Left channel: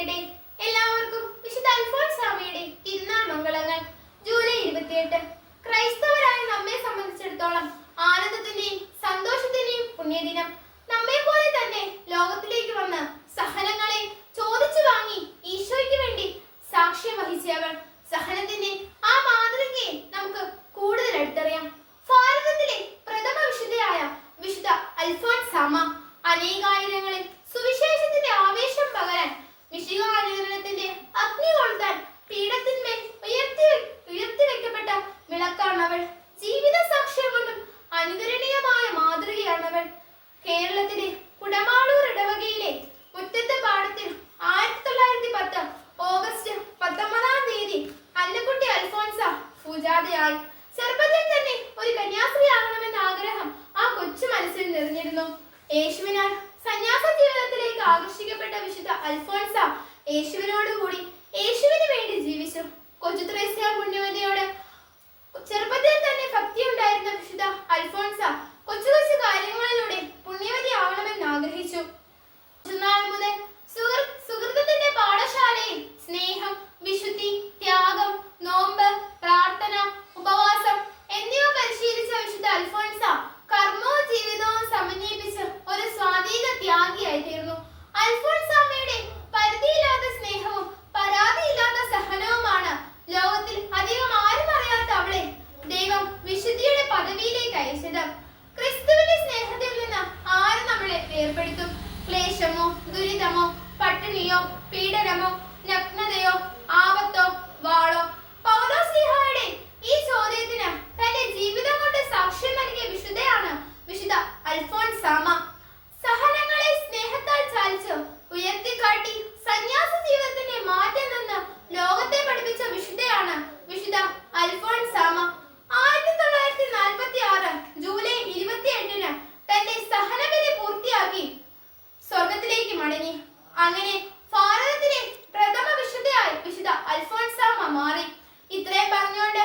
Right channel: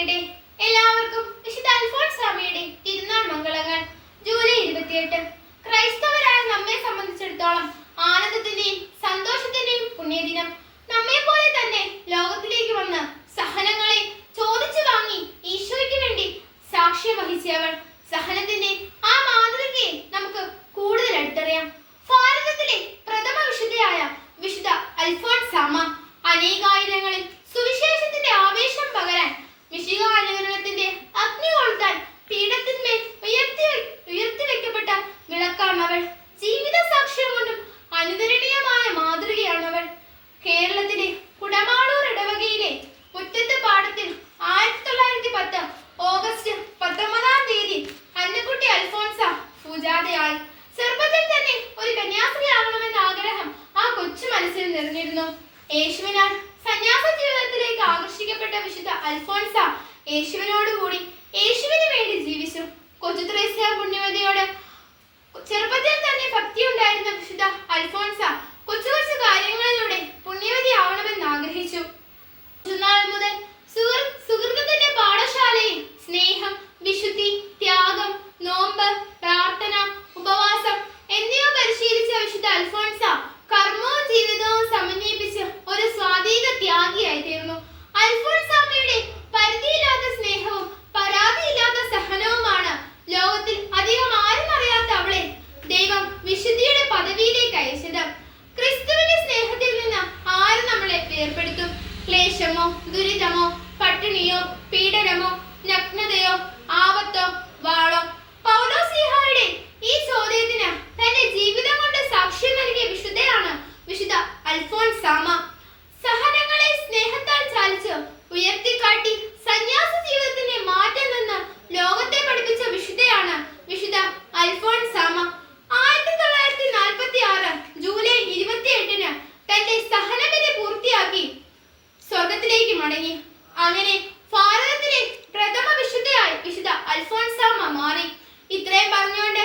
നേരട്ടെ. എല്ലാവർക്കും വിശുദ്ധ അൽഫോൻസാമ്മയുടെ തിരുനാൾ മംഗളങ്ങൾ. ജൂലൈ 28 ക്രൈസ്തവരായ നമ്മെ സംബന്ധിച്ചിടത്തോളം ആനന്ദത്തിന്റെയും സന്തോഷത്തിന്റെയും പുണ്യദിനം. നമ്മെ പോലെ തന്നെ ലോകത്തിലേക്ക് വന്ന് സഹനങ്ങളെ ചോദിച്ചു വാങ്ങി ഈശോയ്ക്ക് വേണ്ടി സാക്ഷ്യം വഹിച്ചവൾ. സഹനത്തിന്റെ ആ മാതൃകയെ നമുക്ക് കൂടുതൽ അടുത്തറിയാം. ഭാരതത്തിലെ പ്രഥമ വിശുദ്ധയായ വിശുദ്ധ അൽഫോൻസാമ്മ അനേകായിരങ്ങളിൽ സുവിശേഷത്തിന്റെ ആവേശം പകരാൻ, മിശിഹാനുഗ്രഹത്തിന്റെ അഗ്നി കൊളുത്താൻ പീഠത്തിന്മേൽ ഉയർത്തി വെക്കപ്പെട്ട വിളക്കാണവൾ. ജീവിത സാക്ഷ്യം കൊണ്ടും അനുകരണീയമായ മാതൃകയാണവൾ. കേരളത്തിലെ കുടമാളൂർ ഇടവകയിലെ മുറ്റത്ത് പാടത്തിൽ 1910 ഓഗസ്റ്റ് 19 അന്നക്കുട്ടി അൽഫോൻസ പൂജാതയായി. ചെറുപ്പത്തിൽ തന്നെ ഒരു കന്യാസ്ത്രീയാകണമെന്ന ആഗ്രഹം ആ കൊച്ചു മനസ്സിൽ നിറഞ്ഞിരുന്നു. യേശുവിനാൽ സന്യാസ ജീവിതത്തിലേക്ക് ആകർഷിക്കപ്പെട്ട വിശുദ്ധ അൽഫോൻസ യേശുവിനോടുകൂടി യേശുവിന് വേണ്ടി ജീവിച്ചു. കൊച്ചു ത്രേസ്യ പുണ്യവതിയോട് ചെറുപ്പത്തിൽ തന്നെ ഭക്തി ഉണ്ടായിരുന്ന വിശുദ്ധ അൽഫോൻസ കൊച്ചു കൊച്ചു കാര്യങ്ങളിലൂടെ പുണ്യവതി ആവണമെന്ന് ആഗ്രഹിച്ചു. കുഞ്ഞുനാൾ മുതൽ സുഹൃത്തിന്റെ പാഠശാലയിൽ സ്നേഹം, വിശുദ്ധി, ത്യാഗം, നോമ്പ്, പ്രാർത്ഥന, ഉപവാസം എന്നിവ പരിശീലിച്ച വിശുദ്ധ അൽഫോൻസ കർമ്മവും ജീവിതവും സമന്വയിപ്പിച്ച് ഒരു സ്വാധീന ത്യാഗിയായി തീർന്നു. അൽഫോൻസാമ്മയുടെ പരിധിയില്ലാത്ത സ്നേഹവും പരാതിയില്ലാത്ത സഹനവുമാണ് ലോകത്തിൽ അധികം ആരും അറിയാത്ത അവളെ ദൈവം വിശുദ്ധിയുടെ പദവിയിലേക്ക് അയച്ചത്. ക്രിസ്തുവിന്റെ സ്നേഹത്തിൽ നിന്ന് ആരും നമ്മളെ വേർപെടുത്തും? ക്ലേശമോ, ദുരിതമോ, പട്ടിണിയോ, പീഡനമോ, നഗ്നതയോ, ആപത്തോ, വാളോ? പൗലോസ്ലീഹായുടെ ഈ ചോദ്യത്തിന് തന്റെ ജീവിതം കൊണ്ട് സാക്ഷ്യം നൽകിയ വിശുദ്ധയാണ് വിശുദ്ധ അൽഫോൻസാമ്മ. സഹനങ്ങളെ സ്നേഹത്താൽ ചാലിച്ച് ഉയർത്തിക്കാട്ടി സന്യാസ ജീവിതത്തിന്റെ മാറ്റം നിന്ന് ലോകത്തെ പഠിപ്പിച്ച വിശുദ്ധയാണ് വിശുദ്ധ അൽഫോൻസാമ്മ. 1946 ജൂലൈ 28 തന്റെ സഹനബലി പൂർത്തിയാക്കി സ്വർഗത്തിലേക്ക് മടങ്ങി. അങ്ങനെ ഭാരതത്തിലെ പ്രഥമ വിശുദ്ധയായി വിശുദ്ധ അൽഫോൻസാമ്മ മാറി. ഇത്രയും പറഞ്ഞുകൊണ്ട്